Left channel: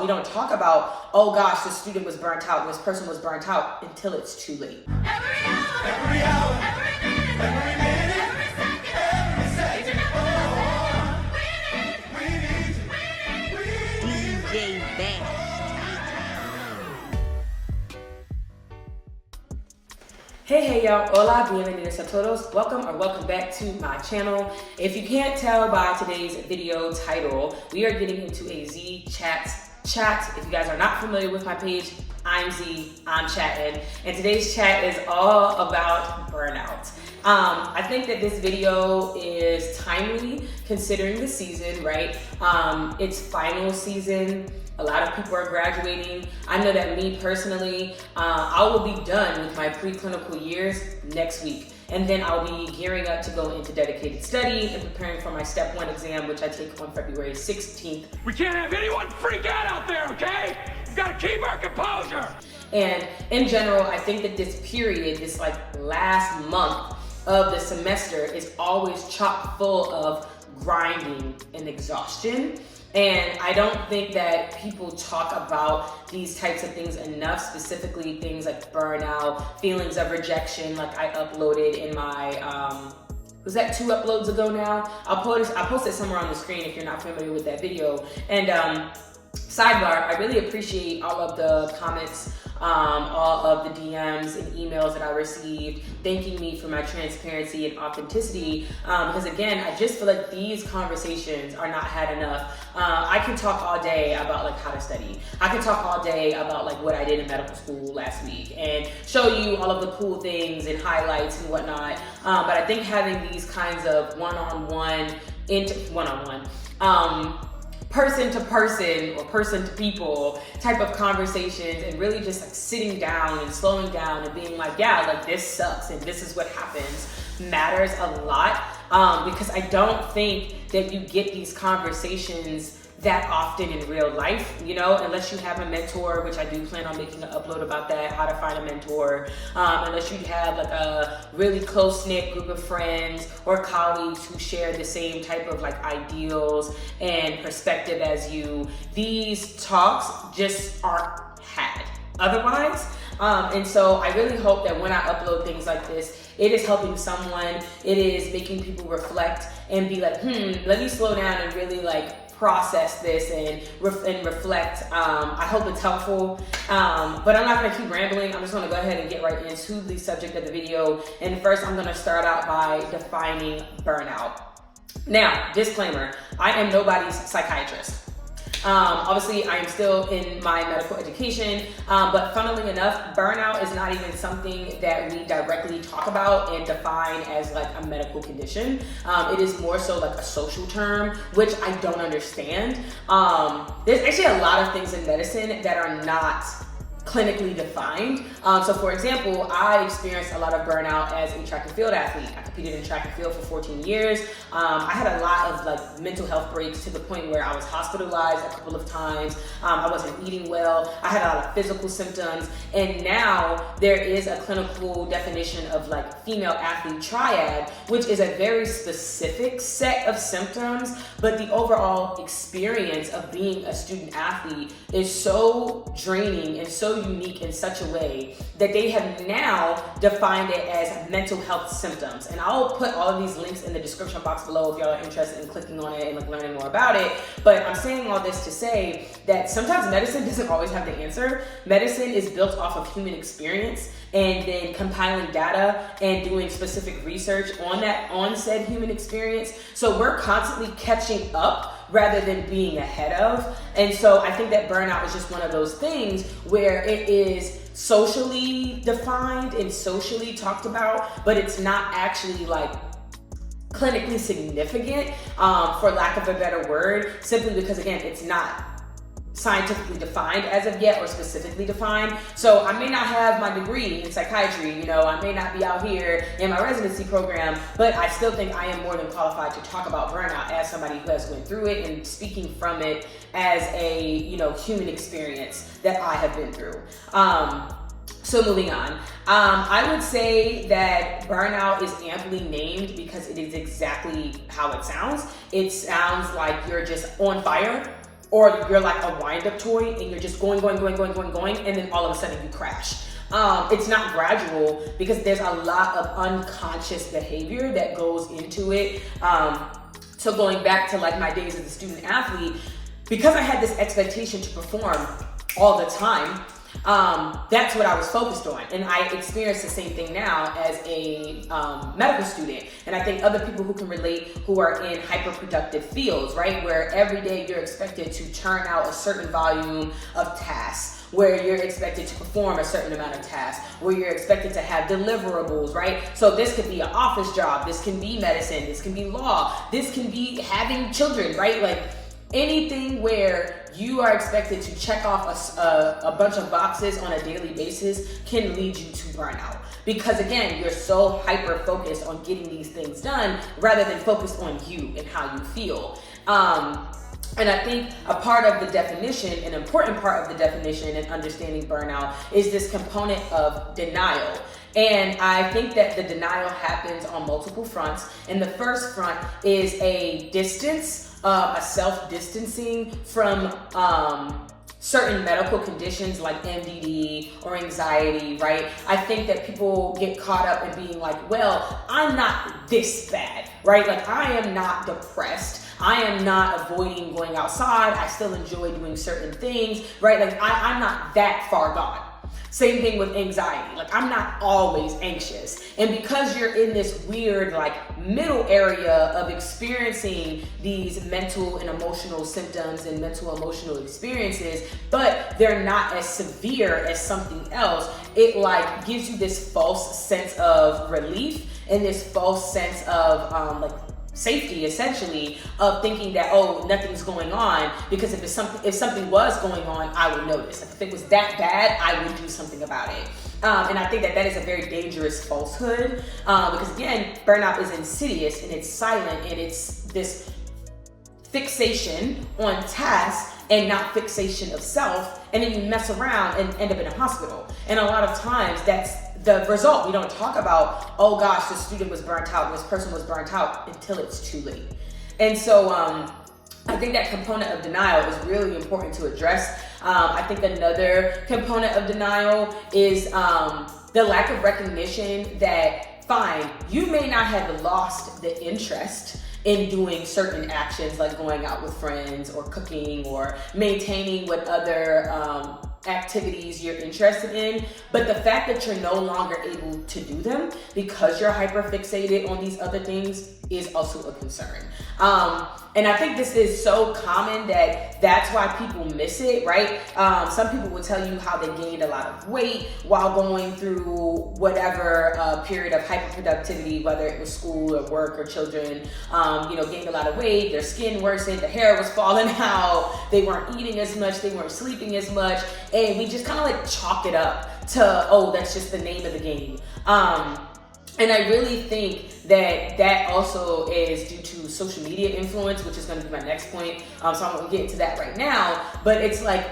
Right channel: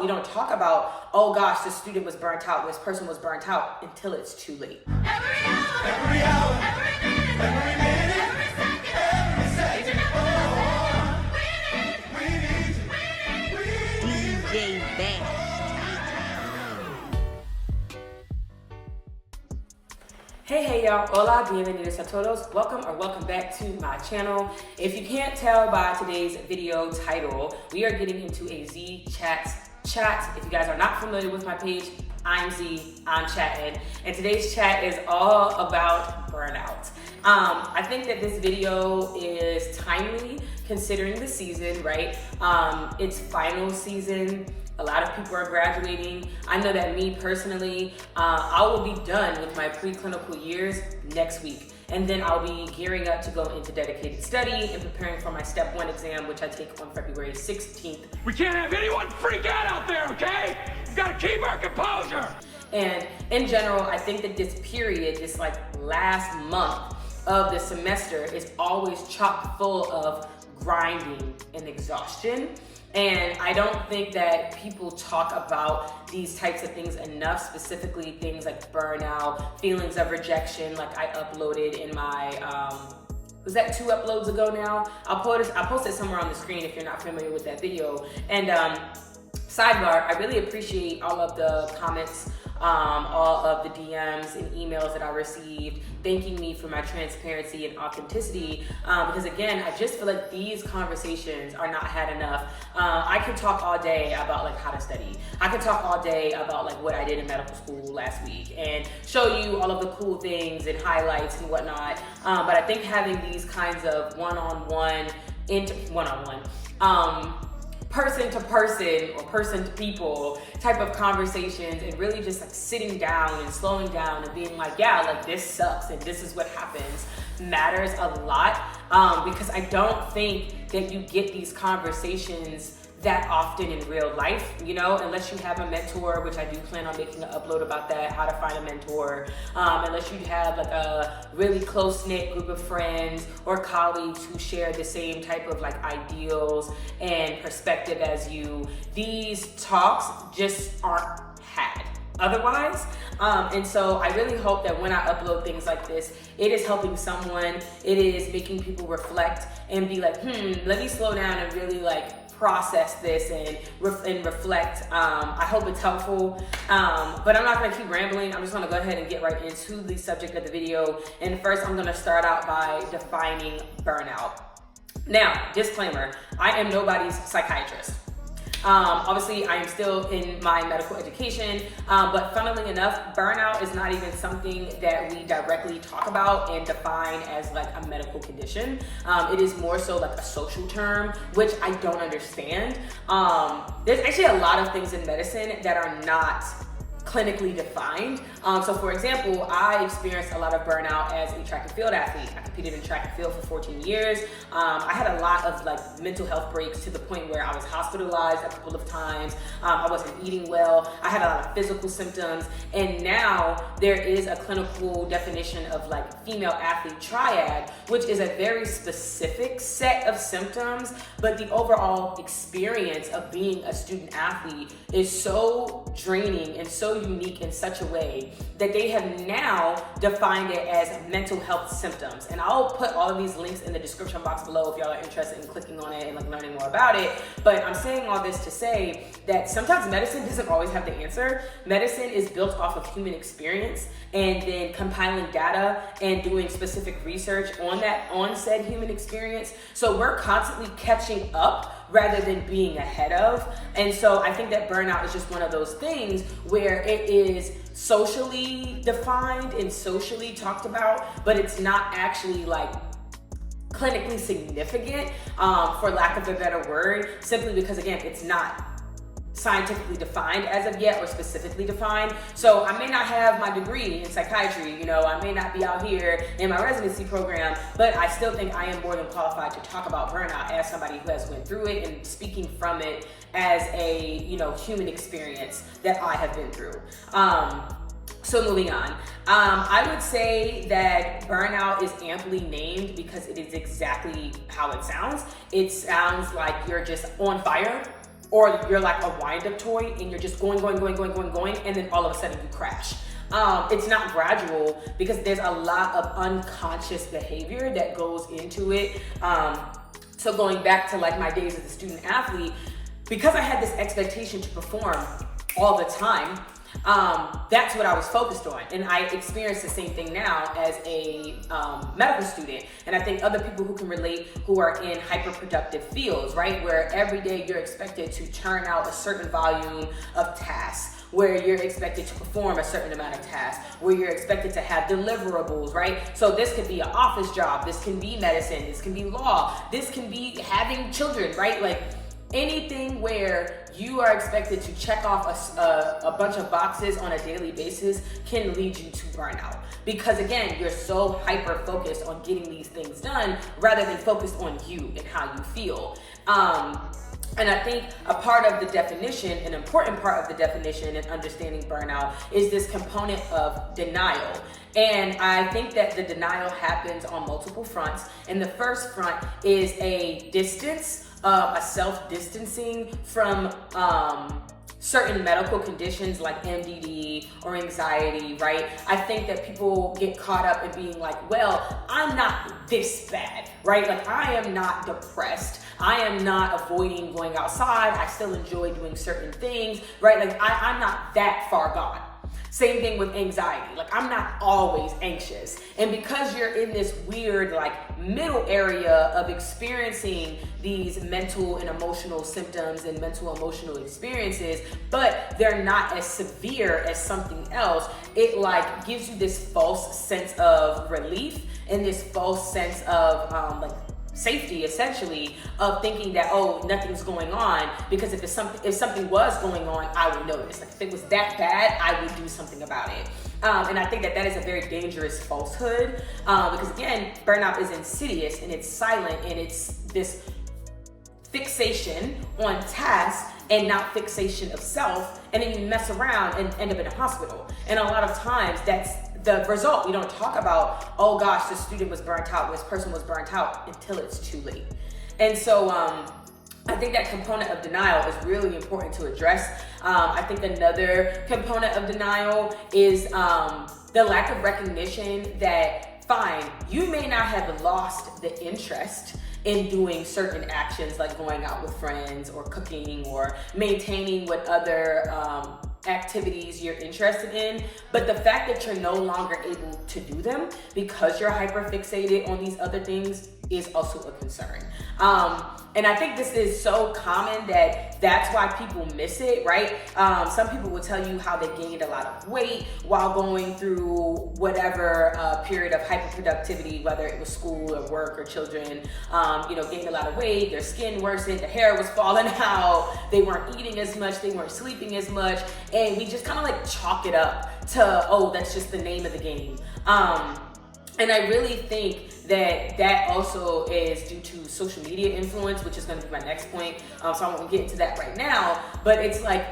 We don't talk about, oh gosh, this student was burnt out, this person was burnt out, until it's too late. Every hour, every minute, every second, we need DJ Best. Hey y'all, hola, bienvenidos a todos. Welcome back to my channel. If you can't tell by today's video title, we are getting into a Z chat. If you guys are not familiar with my page, I'm Z, I'm chatting, and today's chat is all about burnout. I think that this video is timely considering the season, right? It's final season. A lot of people are graduating. I know that me personally, I will be done with my preclinical years next week. And then I'll be gearing up to go into dedicated study and preparing for my step 1 exam, which I take on February 16th. We can't have anyone freak out there, okay? We've got to keep our composure. And in general, I think that this period, this like last month of the semester, is always chock full of grinding and exhaustion. And I don't think that people talk about these types of things enough, specifically things like burnout, feelings of rejection, like I uploaded in my, was that 2 uploads ago now? I'll post it somewhere on the screen if you're not familiar with that video. And sidebar, I really appreciate all of the comments, all of the DMs and emails that I received thanking me for my transparency and authenticity, because again, I just feel like these conversations are not had enough. I can talk all day about like how to study. I can talk all day about like what I did in medical school last week and show you all of the cool things and highlights and whatnot, but I think having these kinds of one-on-one, person to person or person to people type of conversations, and really just like sitting down and slowing down and being like, yeah, like this sucks and this is what happens, matters a lot, because I don't think that you get these conversations that often in real life, you know, unless you have a mentor, which I do plan on making an upload about that, how to find a mentor, unless you have like a really close-knit group of friends or colleagues who share the same type of like ideals and perspective as you. These talks just aren't had otherwise. And so I really hope that when I upload things like this, it is helping someone, it is making people reflect and be like, let me slow down and really like process this and reflect. I hope it's helpful, but I'm not gonna keep rambling. I'm just gonna go ahead and get right into the subject of the video. And first, I'm gonna start out by defining burnout. Now, disclaimer, I am nobody's psychiatrist. Obviously, I am still in my medical education, but funnily enough, burnout is not even something that we directly talk about and define as like a medical condition. It is more so like a social term, which I don't understand. There's actually a lot of things in medicine that are not clinically defined. So for example, I experienced a lot of burnout as a track and field athlete. I competed in track and field for 14 years. I had a lot of like mental health breaks to the point where I was hospitalized a couple of times. I wasn't eating well. I had a lot of physical symptoms. And now there is a clinical definition of like female athlete triad, which is a very specific set of symptoms, but the overall experience of being a student athlete is so draining and so unique in such a way that they have now defined it as mental health symptoms. And I'll put all of these links in the description box below if y'all are interested in clicking on it and like learning more about it. But I'm saying all this to say that sometimes medicine doesn't always have the answer. Medicine is built off of human experience and then compiling data and doing specific research on said human experience. So we're constantly catching up rather than being ahead of. And so I think that burnout is just one of those things where it is socially defined and socially talked about, but it's not actually like clinically significant, for lack of a better word, simply because again, it's not scientifically defined as of yet or specifically defined. So I may not have my degree in psychiatry, you know, I may not be out here in my residency program, but I still think I am more than qualified to talk about burnout as somebody who has went through it and speaking from it as a, you know, human experience that I have been through. So moving on, I would say that burnout is amply named because it is exactly how it sounds. It sounds like you're just on fire or you're like a wind-up toy and you're just going, and then all of a sudden you crash. It's not gradual because there's a lot of unconscious behavior that goes into it. So going back to like my days as a student athlete, because I had this expectation to perform all the time, that's what I was focused on. And I experience the same thing now as a medical student. And I think other people who can relate who are in hyperproductive fields, right? Where every day you're expected to churn out a certain volume of tasks, where you're expected to perform a certain amount of tasks, where you're expected to have deliverables, right? So this could be an office job, this can be medicine, this can be law, this can be having children, right? Like anything where you are expected to check off a bunch of boxes on a daily basis can lead you to burnout. Because again, you're so hyper-focused on getting these things done rather than focused on you and how you feel. And I think a part of the definition, an important part of the definition and understanding burnout is this component of denial. And I think that the denial happens on multiple fronts. And the first front is a distance, a self-distancing from certain medical conditions like MDD or anxiety, right? I think that people get caught up in being like, well, I'm not this bad, right? Like I am not depressed. I am not avoiding going outside. I still enjoy doing certain things, right? Like I'm not that far gone. Same thing with anxiety. Like I'm not always anxious. And because you're in this weird like middle area of experiencing these mental and emotional symptoms and mental emotional experiences, but they're not as severe as something else, it like gives you this false sense of relief and this false sense of like safety, essentially, of thinking that, oh, nothing's going on, because if something was going on, I would notice. Like if it was that bad, I would do something about it. And I think that is a very dangerous falsehood, because again, burnout is insidious and it's silent and it's this fixation on tasks and not fixation of self, and then you mess around and end up in a hospital. And a lot of times that's the result. We don't talk about, oh gosh, this student was burnt out, this person was burnt out, until it's too late. And so I think that component of denial is really important to address. I think another component of denial is the lack of recognition that, fine, you may not have lost the interest in doing certain actions like going out with friends or cooking or maintaining what other activities you're interested in, but the fact that you're no longer able to do them because you're hyper fixated on these other things is also a concern. And I think this is so common that that's why people miss it, right? Some people will tell you how they gained a lot of weight while going through whatever period of hyperproductivity, whether it was school or work or children, gained a lot of weight, their skin worsened, their hair was falling out, they weren't eating as much, they weren't sleeping as much, and we just kind of like chalk it up to, oh, that's just the name of the game. And I really think that also is due to social media influence, which is going to be my next point. So I won't get into that right now, but it's like,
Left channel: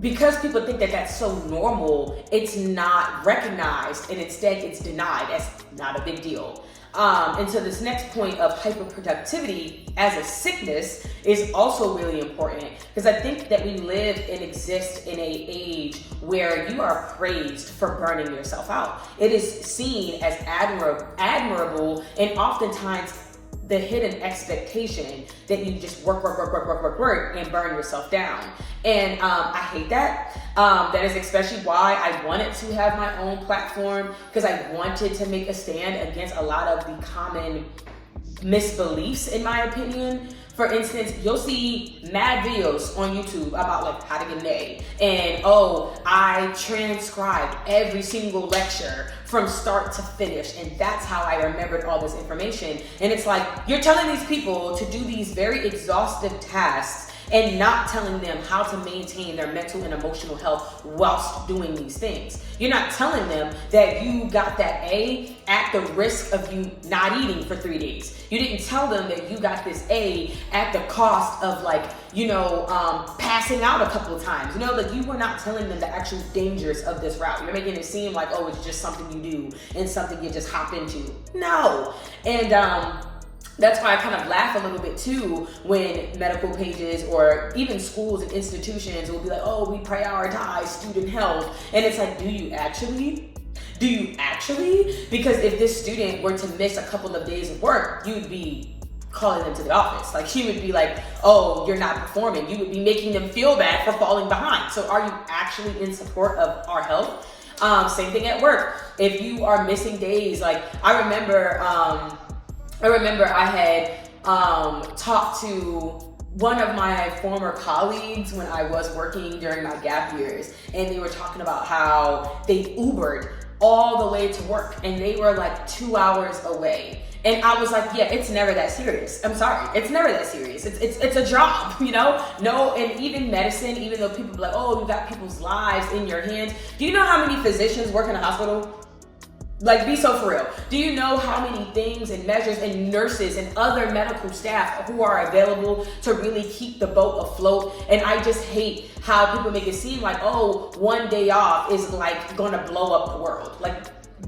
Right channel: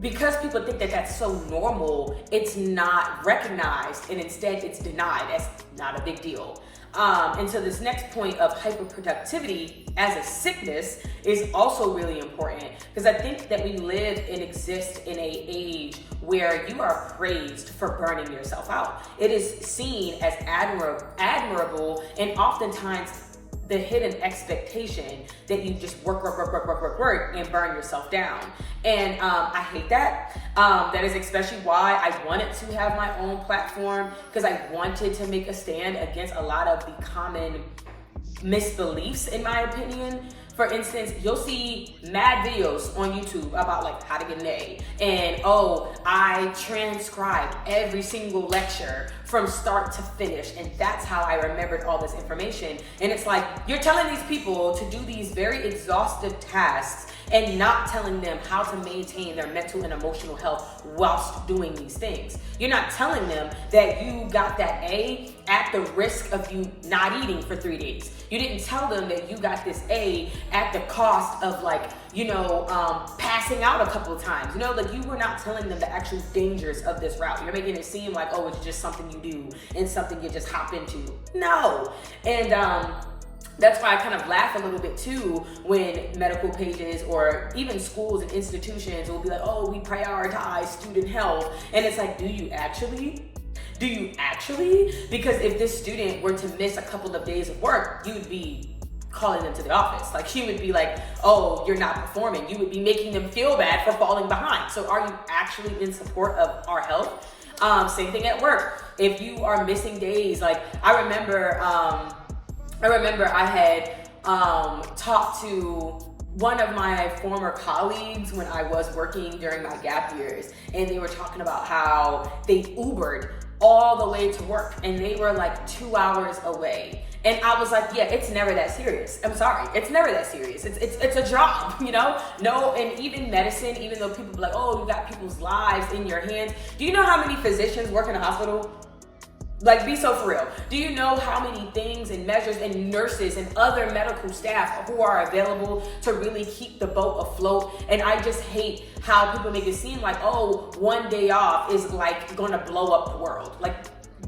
because people think that that's so normal, it's not recognized, and instead it's denied. That's not a big deal. And so this next point of hyperproductivity as a sickness is also really important, because I think that we live and exist in an age where you are praised for burning yourself out. It is seen as admirable, and oftentimes the hidden expectation that you just work and burn yourself down. And I hate that. That is especially why I wanted to have my own platform, because I wanted to make a stand against a lot of the common misbeliefs, in my opinion. For instance, you'll see mad videos on YouTube about like how to get an A, and oh, I transcribed every single lecture from start to finish, and that's how I remembered all this information. And it's like, you're telling these people to do these very exhaustive tasks and not telling them how to maintain their mental and emotional health whilst doing these things. You're not telling them that you got that A at the risk of you not eating for 3 days. You didn't tell them that you got this A at the cost of passing out a couple of times. You were not telling them the actual dangers of this route. You're making it seem like, oh, it's just something you do and something you just hop into. No. And that's why I kind of laugh a little bit too when medical pages or even schools and institutions will be like, oh, we prioritize student health. And it's like, do you actually? Do you actually? Because if this student were to miss a couple of days of work, you would be calling them to the office. Like, you would be like, oh, you're not performing. You would be making them feel bad for falling behind. So are you actually in support of our health? Same thing at work. If you are missing days, like I remember I had talked to one of my former colleagues when I was working during my gap years, and they were talking about how they Ubered all the way to work, and they were like 2 hours away. And I was like, yeah, it's never that serious. I'm sorry, it's never that serious. It's a job, you know? No, and even medicine, even though people be like, oh, you got people's lives in your hands. Do you know how many physicians work in a hospital? Like, be so for real. Do you know how many things and measures and nurses and other medical staff who are available to really keep the boat afloat? And I just hate how people make it seem like, oh, one day off is like gonna blow up the world. Like,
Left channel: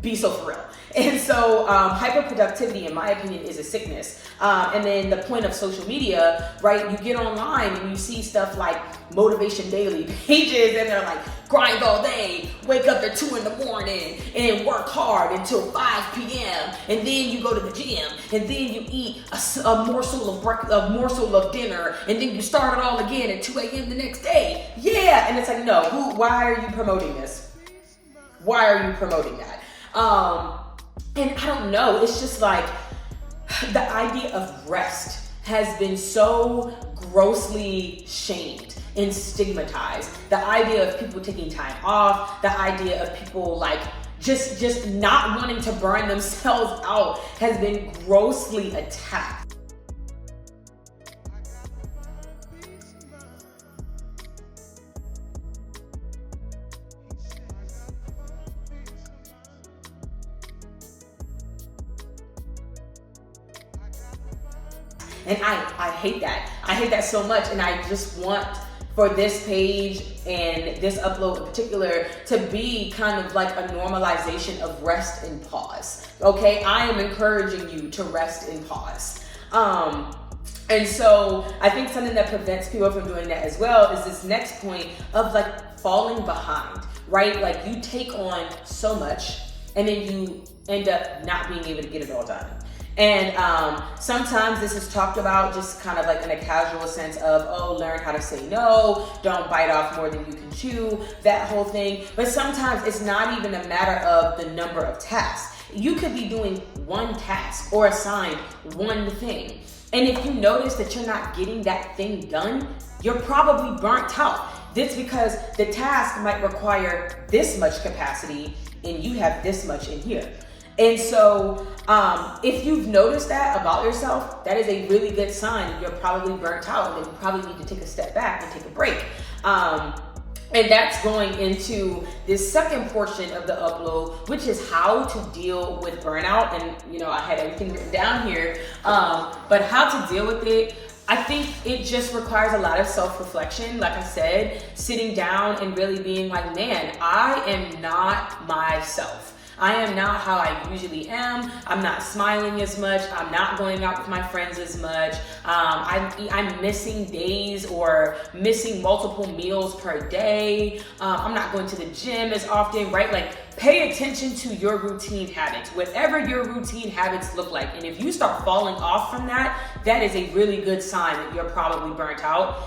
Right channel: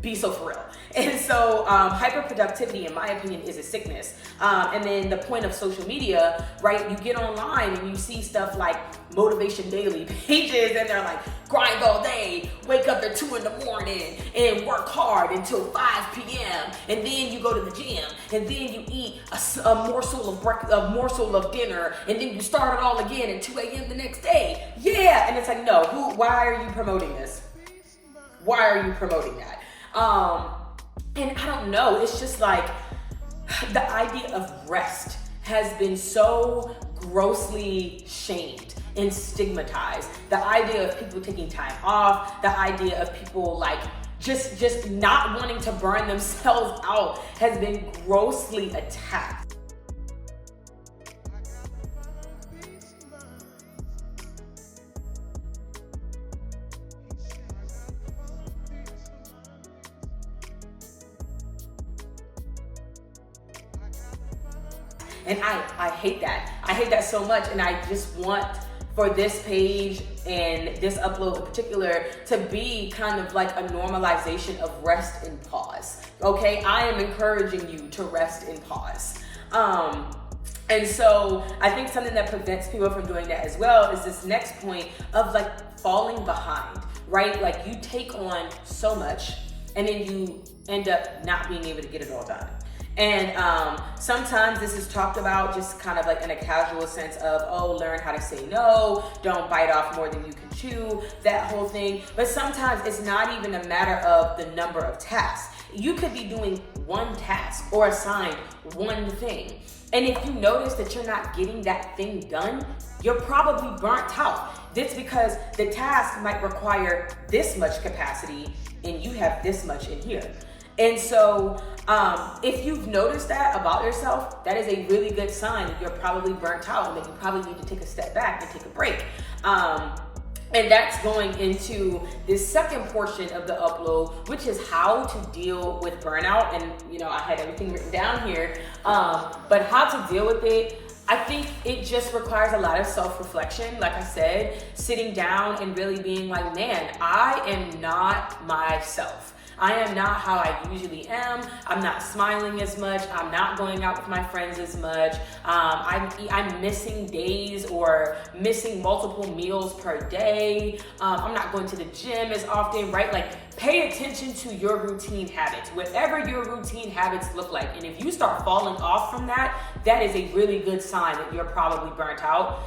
be so for real. And so hyperproductivity, in my opinion, is a sickness. And then the point of social media, right? You get online and you see stuff like Motivation Daily pages, and they're like, grind all day, wake up at 2 a.m, and work hard until 5 p.m. And then you go to the gym, and then you eat a morsel of dinner, and then you start it all again at 2 a.m. the next day. Yeah, and it's like, no, why are you promoting this? Why are you promoting that? And I don't know, it's just like the idea of rest has been so grossly shamed and stigmatized. The idea of people taking time off, the idea of people like just not wanting to burn themselves out has been grossly attacked. And I hate that. I hate that so much. And I just want for this page and this upload in particular to be kind of like a normalization of rest and pause. Okay, I am encouraging you to rest and pause. And so I think something that prevents people from doing that as well is this next point of like falling behind, right? Like, you take on so much and then you end up not being able to get it all done. And sometimes this is talked about just kind of like in a casual sense of, oh, learn how to say no, don't bite off more than you can chew, that whole thing. But sometimes it's not even a matter of the number of tasks. You could be doing one task or assigned one thing. And if you notice that you're not getting that thing done, you're probably burnt out. That's because the task might require this much capacity and you have this much in here. And so if you've noticed that about yourself, that is a really good sign that you're probably burnt out and that you probably need to take a step back and take a break. And that's going into this second portion of the upload, which is how to deal with burnout. And, you know, I had everything written down here, but how to deal with it. I think it just requires a lot of self-reflection. Like I said, sitting down and really being like, man, I am not myself. I am not how I usually am. I'm not smiling as much. I'm not going out with my friends as much. I'm missing days or missing multiple meals per day. I'm not going to the gym as often, right? Like, pay attention to your routine habits, whatever your routine habits look like. And if you start falling off from that, that is a really good sign that you're probably burnt out.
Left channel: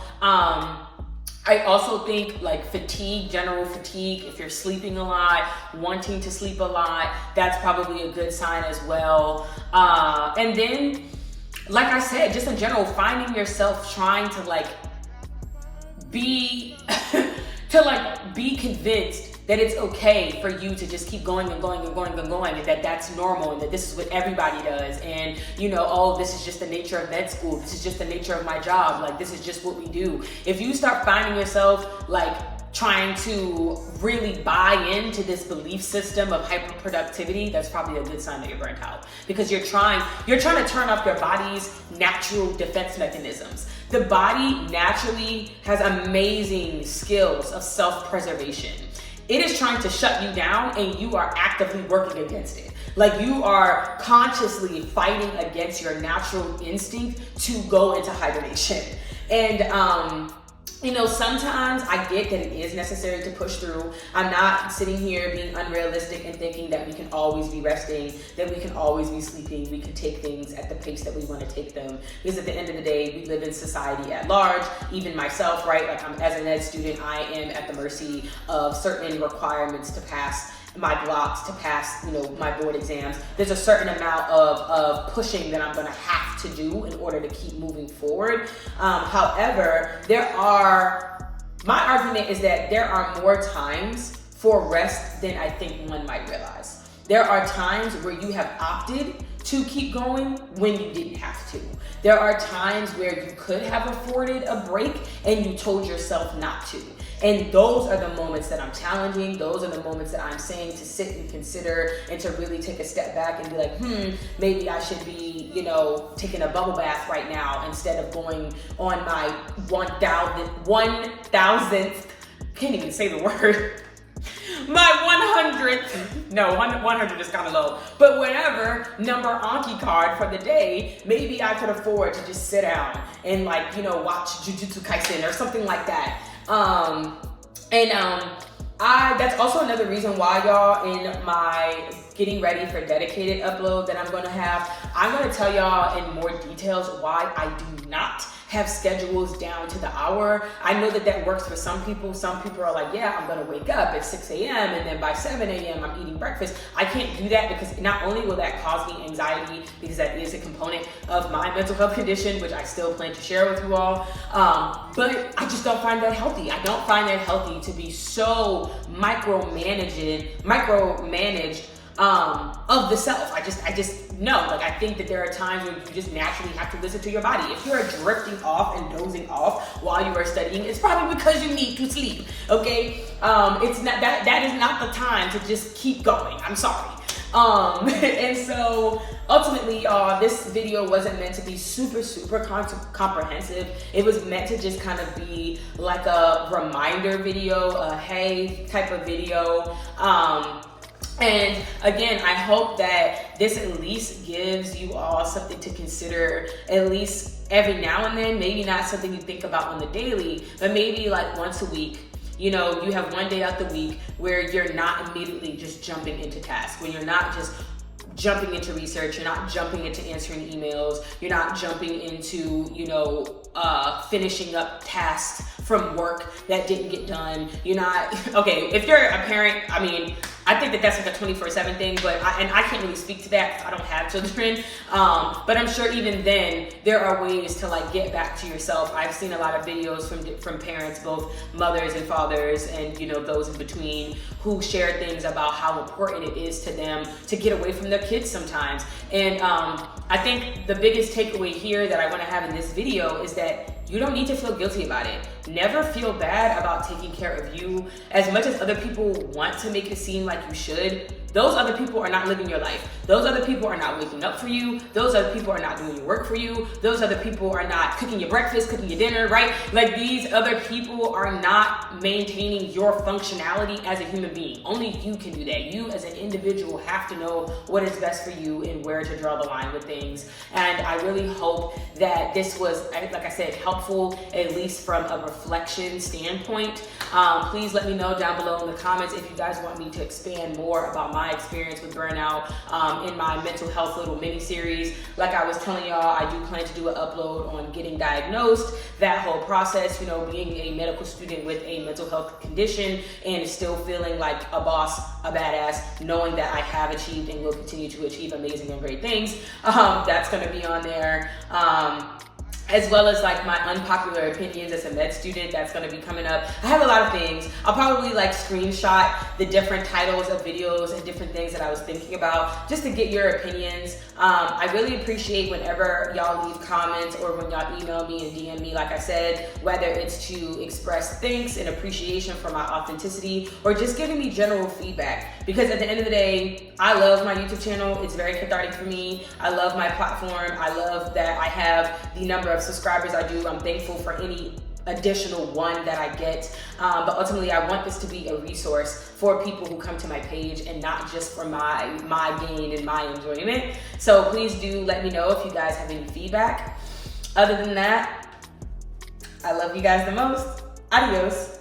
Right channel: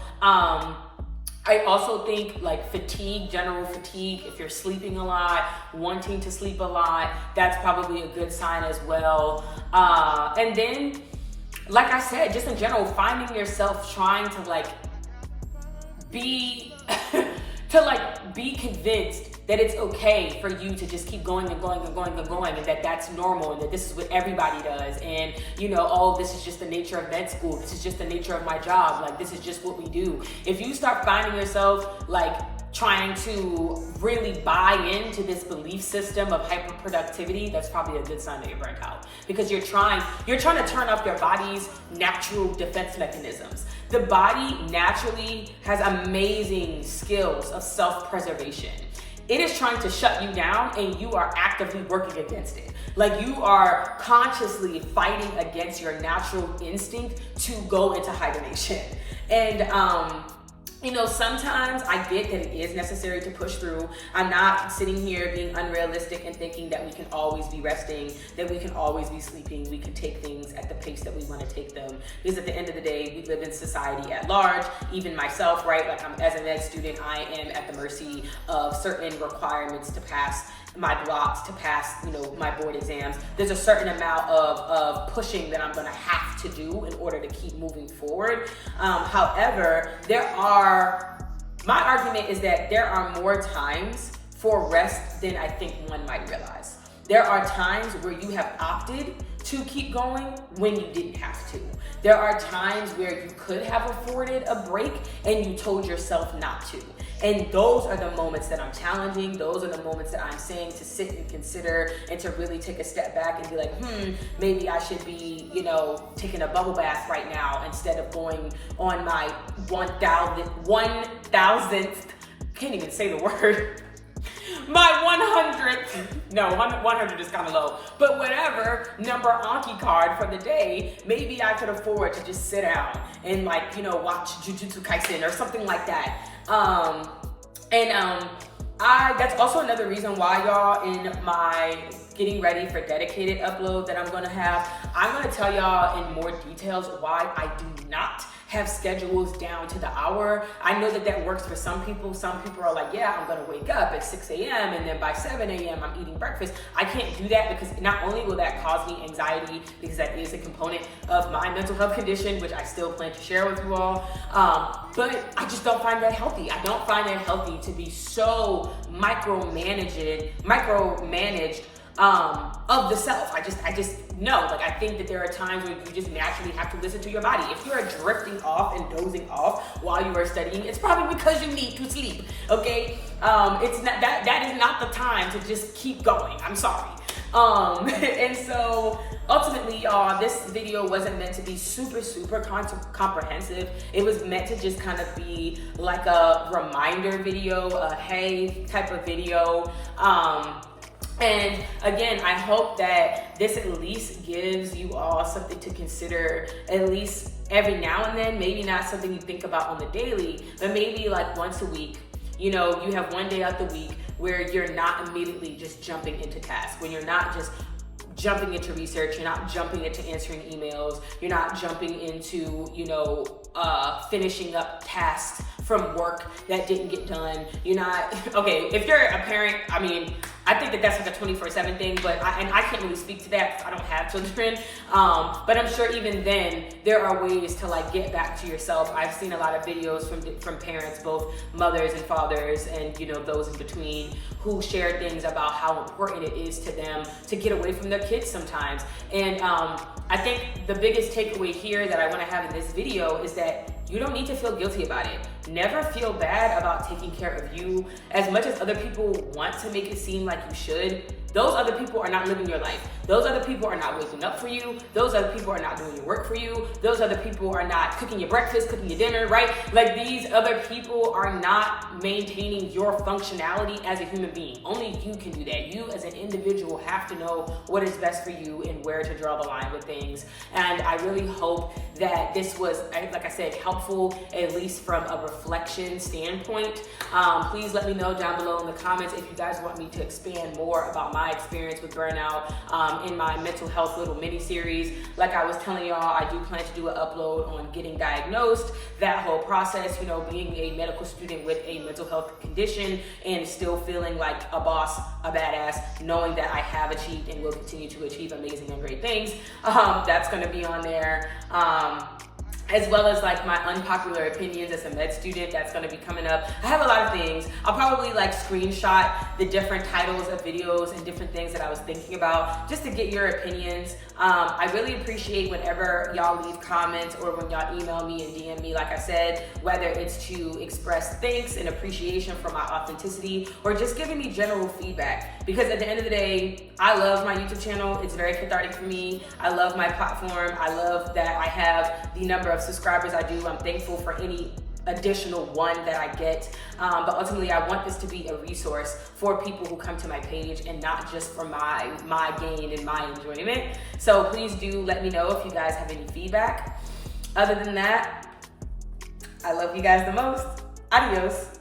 I also think like fatigue, general fatigue, if you're sleeping a lot, wanting to sleep a lot, that's probably a good sign as well. And then, like I said, just in general, finding yourself trying to like be, be convinced that it's okay for you to just keep going and going and going and going, and that that's normal, and that this is what everybody does, and you know, oh, this is just the nature of med school, this is just the nature of my job, like this is just what we do. If you start finding yourself like trying to really buy into this belief system of hyperproductivity, that's probably a good sign that you're burnt out, because you're trying to turn up your body's natural defense mechanisms. The body naturally has amazing skills of self-preservation. it is trying to shut you down and you are actively working against it. Like you are consciously fighting against your natural instinct to go into hibernation. And you know, sometimes I get that it is necessary to push through. I'm not sitting here being unrealistic and thinking that we can always be resting, that we can always be sleeping, we can take things at the pace that we want to take them. Because at the end of the day, we live in society at large, even myself, right? Like as an ed student, I am at the mercy of certain requirements to pass my blocks, to pass, you know, my board exams. There's a certain amount of pushing that I'm gonna have to do in order to keep moving forward. However, my argument is that there are more times for rest than I think one might realize. There are times where you have opted to keep going when you didn't have to. There are times where you could have afforded a break and you told yourself not to. And those are the moments that I'm challenging. Those are the moments that I'm saying to sit and consider and to really take a step back and be like, maybe I should be, you know, taking a bubble bath right now instead of going on my 1,000th, can't even say the word, my 100th, no, 100 is kind of low, but whatever number Anki card for the day, maybe I could afford to just sit down and like, you know, watch Jujutsu Kaisen or something like that. That's also another reason why, y'all, in my getting ready for dedicated upload that I'm gonna have, I'm gonna tell y'all in more details why I do not have schedules down to the hour. I know that that works for some people. Some people are like, yeah, I'm gonna wake up at 6 a.m. and then by 7 a.m. I'm eating breakfast. I can't do that because not only will that cause me anxiety, because that is a component of my mental health condition, which I still plan to share with you all, but I just don't find that healthy. I don't find that healthy to be so micromanaged of the self. I just know, like, I think that there are times where you just naturally have to listen to your body. If you're drifting off and dozing off while you are studying, it's probably because you need to sleep, okay? It's not that is not the time to just keep going. I'm sorry. And so ultimately, y'all, this video wasn't meant to be super comprehensive. It was meant to just kind of be like a reminder video, a hey type of video. And again, I hope that this at least gives you all something to consider, at least every now and then. Maybe not something you think about on the daily, but maybe like once a week. You know, you have one day out the week where you're not immediately just jumping into tasks, when you're not just jumping into research, you're not jumping into answering emails, you're not jumping into, you know, finishing up tasks from work that didn't get done. You're not, okay, if you're a parent, I mean, I think that that's like a 24/7 thing, but I can't really speak to that. I don't have children, but I'm sure even then there are ways to like get back to yourself. I've seen a lot of videos from parents, both mothers and fathers, and you know those in between, who share things about how important it is to them to get away from their kids sometimes. And I think the biggest takeaway here that I want to have in this video is that you don't need to feel guilty about it. Never feel bad about taking care of you. As much as other people want to make it seem like you should, those other people are not living your life. Those other people are not waking up for you. Those other people are not doing your work for you. Those other people are not cooking your breakfast, cooking your dinner, right? Like, these other people are not maintaining your functionality as a human being. Only you can do that. You as an individual have to know what is best for you and where to draw the line with things. And I really hope that this was, like I said, helpful, at least from a reflection standpoint. Please let me know down below in the comments if you guys want me to expand more about my experience with burnout in my mental health little mini series. Like I was telling y'all, I do plan to do an upload on getting diagnosed, that whole process, you know, being a medical student with a mental health condition and still feeling like a boss, a badass, knowing that I have achieved and will continue to achieve amazing and great things. That's gonna be on there. As well as like my unpopular opinions as a med student, that's gonna be coming up. I have a lot of things. I'll probably like screenshot the different titles of videos and different things that I was thinking about just to get your opinions. I really appreciate whenever y'all leave comments or when y'all email me and DM me, like I said, whether it's to express thanks and appreciation for my authenticity or just giving me general feedback. Because at the end of the day, I love my YouTube channel. It's very cathartic for me. I love my platform. I love that I have the number of subscribers I do. I'm thankful for any additional one that I get. But ultimately, I want this to be a resource for people who come to my page and not just for my gain and my enjoyment. So please do let me know if you guys have any feedback. Other than that, I love you guys the most. Adios.